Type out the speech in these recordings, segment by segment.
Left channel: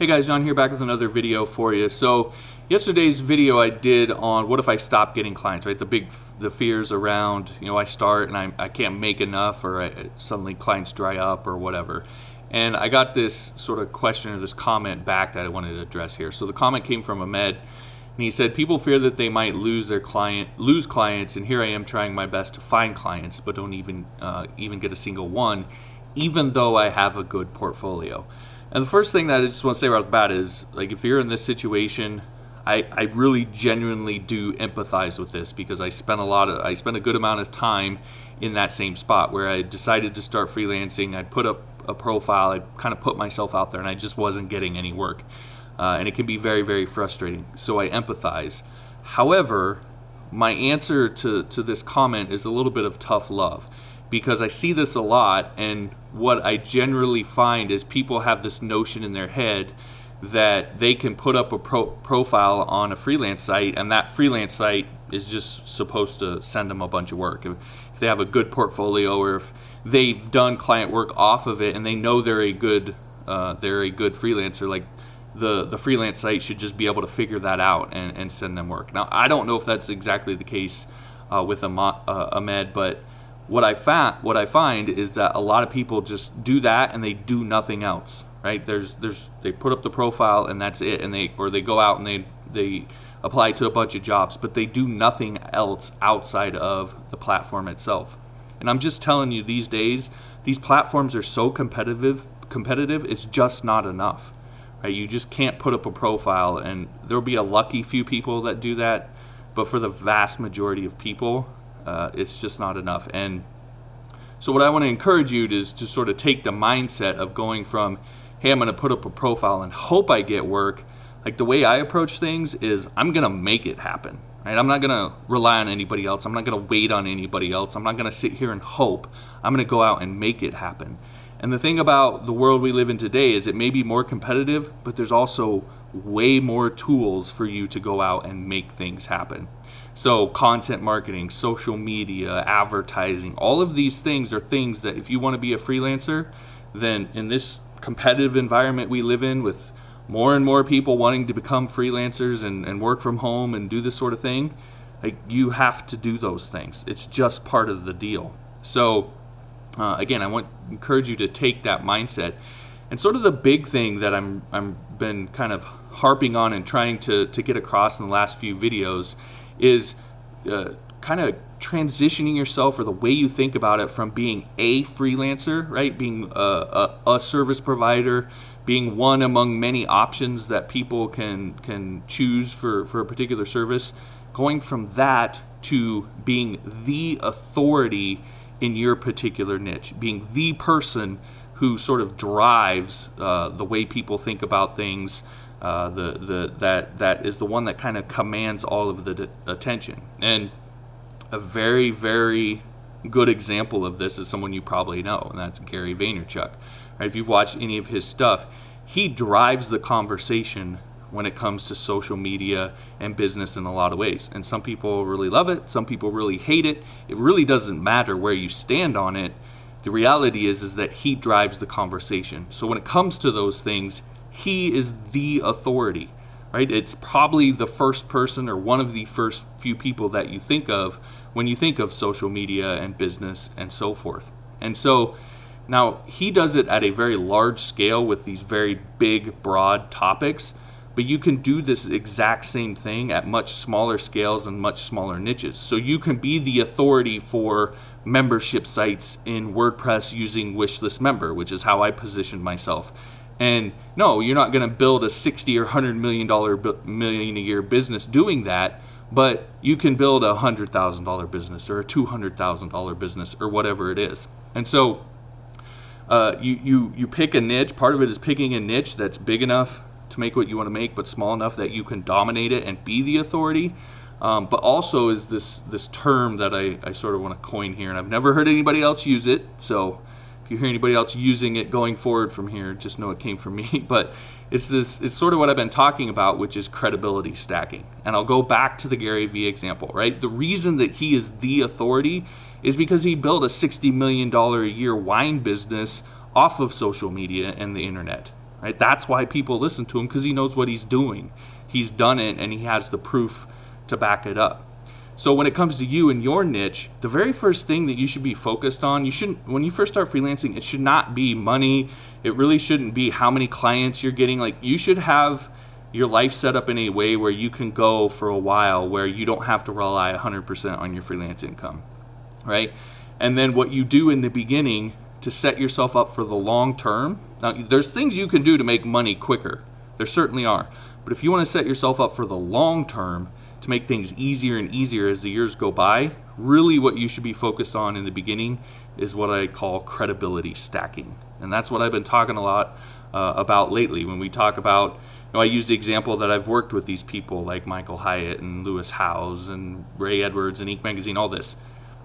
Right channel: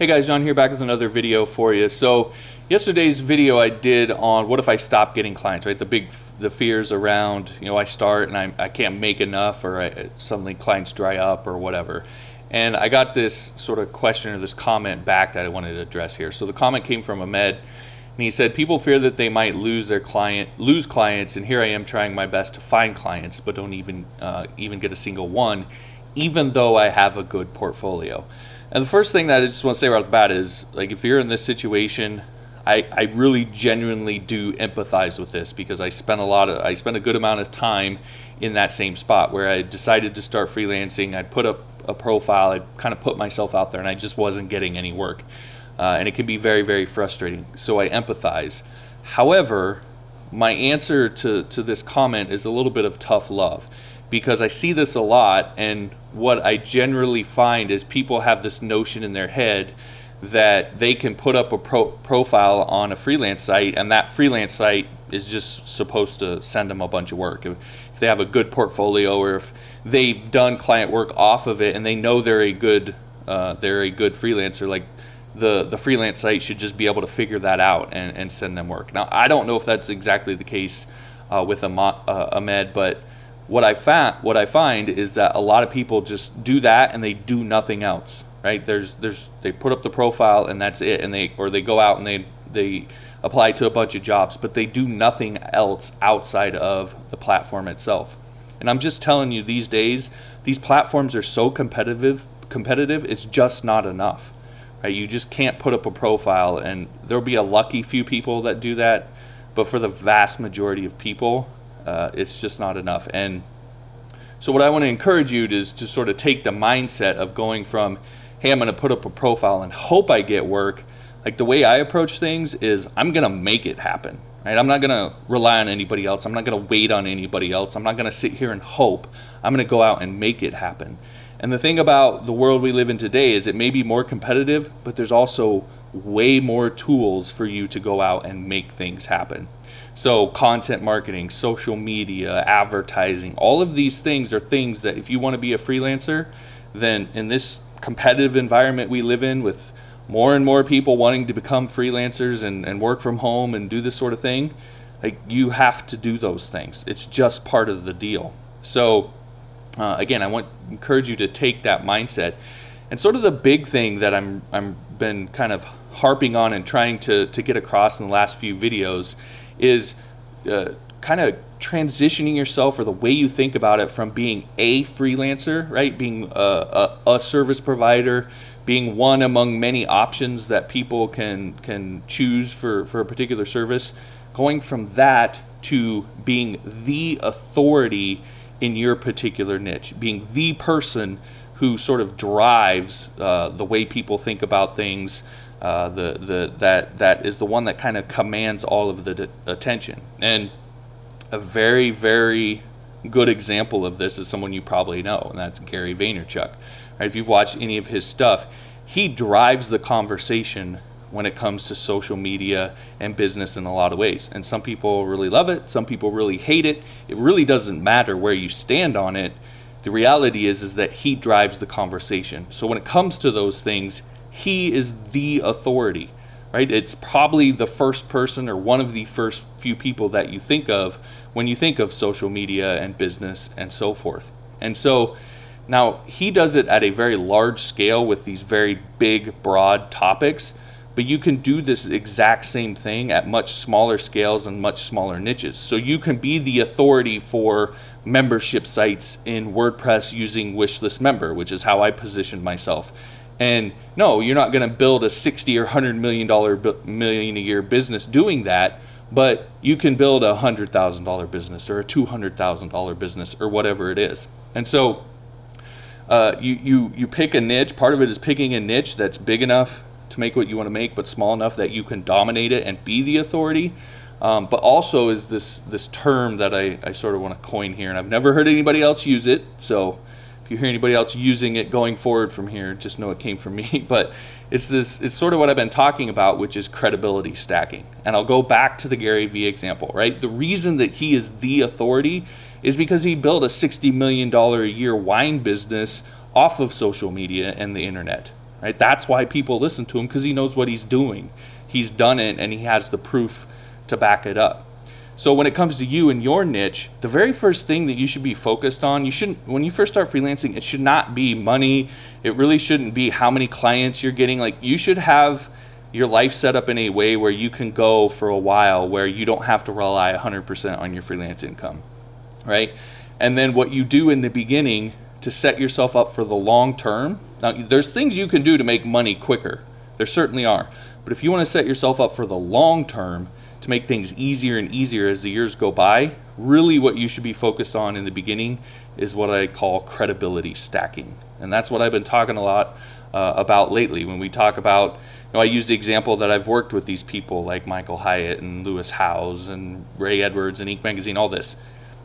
Hey guys, John here back with another video for you. So yesterday's video I did on what if I stop getting clients, right? The fears around, I start and I can't make enough, or suddenly clients dry up or whatever. And I got this sort of question or this comment back that I wanted to address here. So the comment came from Ahmed, and he said, people fear that they might lose clients, and here I am trying my best to find clients, but don't even get a single one, even though I have a good portfolio. And the first thing that I just want to say right off the bat is, like, if you're in this situation, I really genuinely do empathize with this, because I spent a good amount of time in that same spot where I decided to start freelancing. I'd put up a profile, I'd kind of put myself out there, and I just wasn't getting any work. And it can be very, very frustrating. So I empathize. However, my answer to this comment is a little bit of tough love, because I see this a lot, and what I generally find is people have this notion in their head that they can put up a profile on a freelance site, and that freelance site is just supposed to send them a bunch of work. If they have a good portfolio, or if they've done client work off of it and they know they're a good freelancer, like the freelance site should just be able to figure that out and send them work. Now, I don't know if that's exactly the case with Ahmed, but what I find is that a lot of people just do that and they do nothing else, right? They put up the profile and that's it, and they go out and they apply to a bunch of jobs, but they do nothing else outside of the platform itself. And I'm just telling you, these days, these platforms are so competitive, it's just not enough, right? You just can't put up a profile, and there'll be a lucky few people that do that, but for the vast majority of people, it's just not enough. And so what I want to encourage you is to sort of take the mindset of going from, hey, I'm going to put up a profile and hope I get work. Like, the way I approach things is, I'm going to make it happen, right? I'm not going to rely on anybody else. I'm not going to wait on anybody else. I'm not going to sit here and hope. I'm going to go out and make it happen. And the thing about the world we live in today is it may be more competitive, but there's also way more tools for you to go out and make things happen. So content marketing, social media, advertising, all of these things are things that if you want to be a freelancer, then in this competitive environment we live in, with more and more people wanting to become freelancers and work from home and do this sort of thing, like, you have to do those things. It's just part of the deal. So again, I want to encourage you to take that mindset. And sort of the big thing that I'm been kind of harping on and trying to get across in the last few videos is kind of transitioning yourself, or the way you think about it, from being a freelancer, right? Being a service provider, being one among many options that people can choose for a particular service, going from that to being the authority in your particular niche, being the person who sort of drives the way people think about things. That is the one that kind of commands all of the attention. And a very, very good example of this is someone you probably know, and that's Gary Vaynerchuk. Right? If you've watched any of his stuff, he drives the conversation when it comes to social media and business in a lot of ways. And some people really love it, some people really hate it. It really doesn't matter where you stand on it. The reality is that he drives the conversation. So when it comes to those things, he is the authority, right? It's probably the first person, or one of the first few people that you think of when you think of social media and business and so forth. And so now he does it at a very large scale with these very big, broad topics, but you can do this exact same thing at much smaller scales and much smaller niches. So you can be the authority for membership sites in WordPress using Wishlist Member, which is how I positioned myself. And no, you're not going to build a $60 or $100 million a year business doing that, but you can build a $100,000 business or a $200,000 business or whatever it is. And so you pick a niche. Part of it is picking a niche that's big enough to make what you want to make, but small enough that you can dominate it and be the authority. But also is this term that I sort of want to coin here, and I've never heard anybody else use it. So if you hear anybody else using it going forward from here, just know it came from me. But it's sort of what I've been talking about, which is credibility stacking. And I'll go back to the Gary Vee example, right? The reason that he is the authority is because he built a $60 million a year wine business off of social media and the internet. right? That's why people listen to him, because he knows what he's doing. He's done it, and he has the proof to back it up. So when it comes to you and your niche, the very first thing that you should be focused on, when you first start freelancing, it should not be money. It really shouldn't be how many clients you're getting. Like, you should have your life set up in a way where you can go for a while where you don't have to rely 100% on your freelance income, right? And then what you do in the beginning to set yourself up for the long term. Now, there's things you can do to make money quicker. There certainly are. But if you want to set yourself up for the long term, to make things easier and easier as the years go by, really what you should be focused on in the beginning is what I call credibility stacking. And that's what I've been talking a lot about lately. When we talk about, I use the example that I've worked with these people like Michael Hyatt and Lewis Howes and Ray Edwards and Inc. Magazine, all this,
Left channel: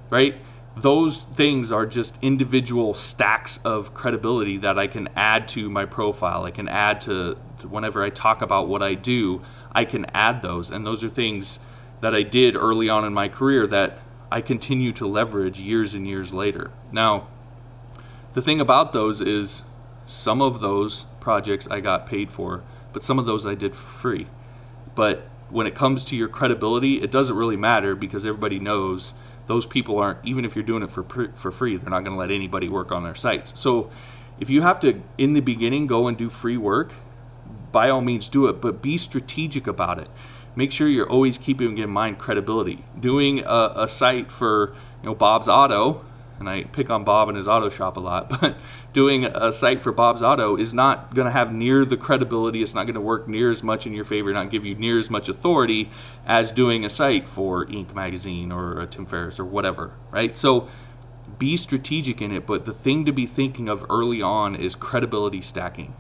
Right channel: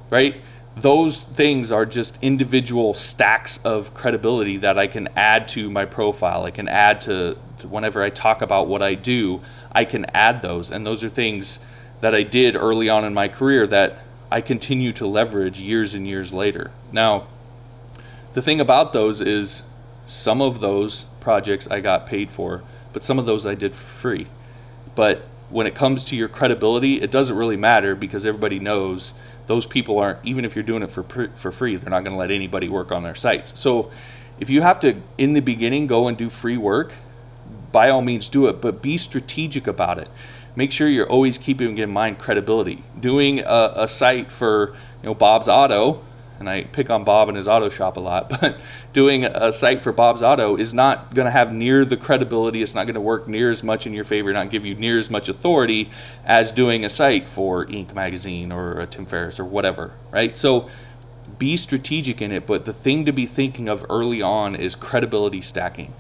right? Those things are just individual stacks of credibility that I can add to my profile. I can add to whenever I talk about what I do, I can add those. And those are things that I did early on in my career that I continue to leverage years and years later. Now, the thing about those is some of those projects I got paid for, but some of those I did for free. But when it comes to your credibility, it doesn't really matter, because everybody knows those people aren't, even if you're doing it for free, they're not going to let anybody work on their sites. So if you have to, in the beginning, go and do free work, by all means do it, but be strategic about it. Make sure you're always keeping in mind credibility. Doing a site for Bob's Auto, and I pick on Bob and his auto shop a lot, but doing a site for Bob's Auto is not going to have near the credibility. It's not going to work near as much in your favor, not give you near as much authority as doing a site for Inc. Magazine or Tim Ferriss or whatever, right? So be strategic in it, but the thing to be thinking of early on is credibility stacking,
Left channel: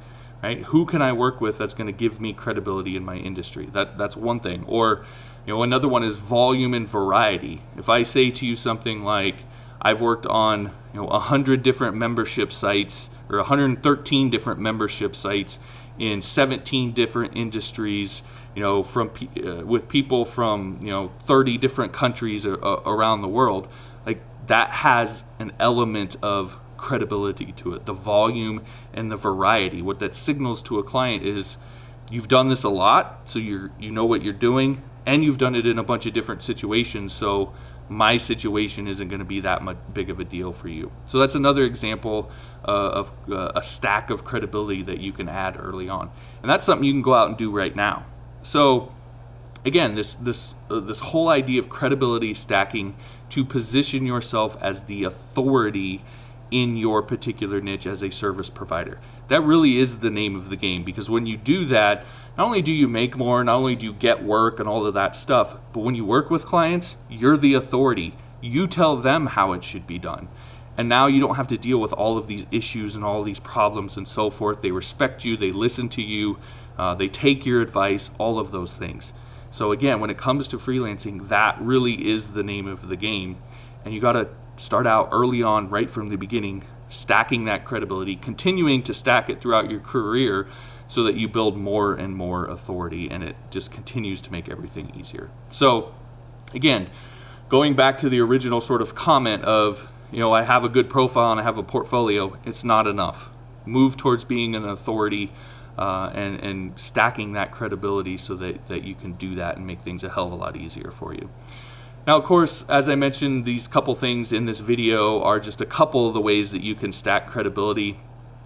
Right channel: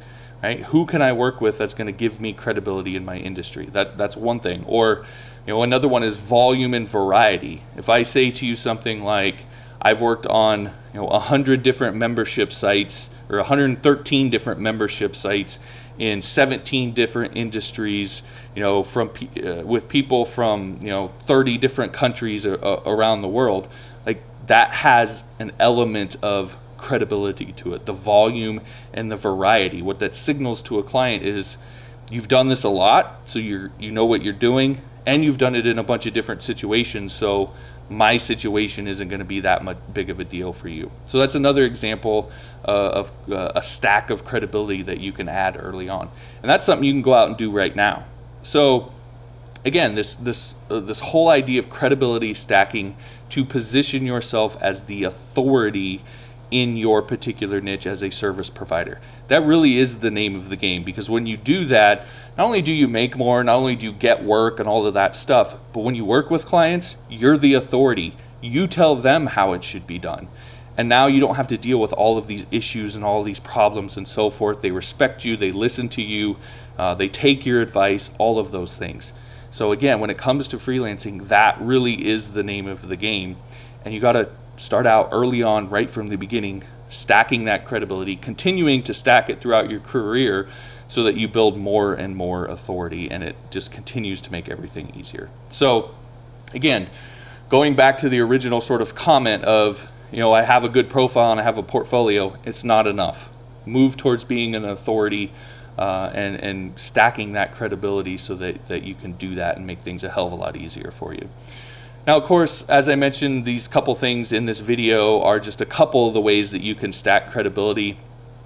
right? Who can I work with that's going to give me credibility in my industry? That's one thing. Or another one is volume and variety. If I say to you something like, I've worked on 100 different membership sites, or 113 different membership sites in 17 different industries, with people from 30 different countries around the world, like that has an element of credibility to it. The volume and the variety. What that signals to a client is you've done this a lot, so you know what you're doing, and you've done it in a bunch of different situations, so my situation isn't going to be that much big of a deal for you. So that's another example of a stack of credibility that you can add early on, and that's something you can go out and do right now. So again, this whole idea of credibility stacking to position yourself as the authority in your particular niche as a service provider. That really is the name of the game, because when you do that, not only do you make more, not only do you get work and all of that stuff, but when you work with clients, you're the authority. You tell them how it should be done. And now you don't have to deal with all of these issues and all of these problems and so forth. They respect you, they listen to you, they take your advice, all of those things. So again, when it comes to freelancing, that really is the name of the game. And you got to start out early on, right from the beginning, stacking that credibility, continuing to stack it throughout your career so that you build more and more authority, and it just continues to make everything easier. So again, going back to the original sort of comment of, I have a good profile and I have a portfolio, it's not enough. Move towards being an authority and stacking that credibility so that you can do that and make things a hell of a lot easier for you. Now, of course, as I mentioned, these couple things in this video are just a couple of the ways that you can stack credibility.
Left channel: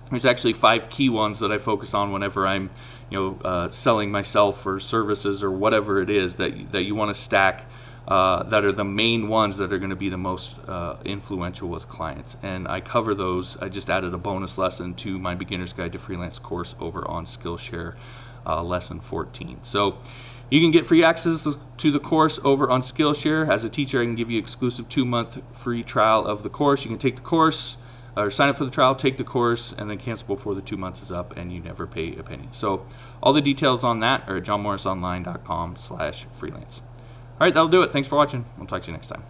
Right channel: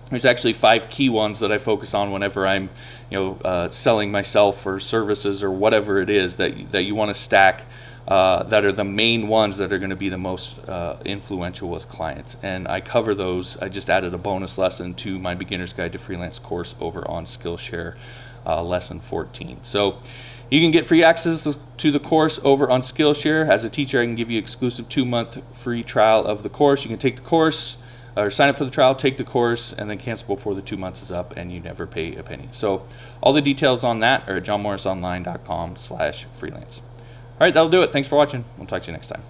There's actually 5 key ones that I focus on whenever I'm, selling myself or services or whatever it is that you want to stack, that are the main ones that are going to be the most influential with clients. And I cover those. I just added a bonus lesson to my Beginner's Guide to Freelance course over on Skillshare, lesson 14. So you can get free access to the course over on Skillshare. As a teacher, I can give you exclusive 2-month free trial of the course. You can take the course, or sign up for the trial, take the course, and then cancel before the 2 months is up, and you never pay a penny. So all the details on that are at johnmorrisonline.com/freelance. All right, that'll do it. Thanks for watching. We'll talk to you next time.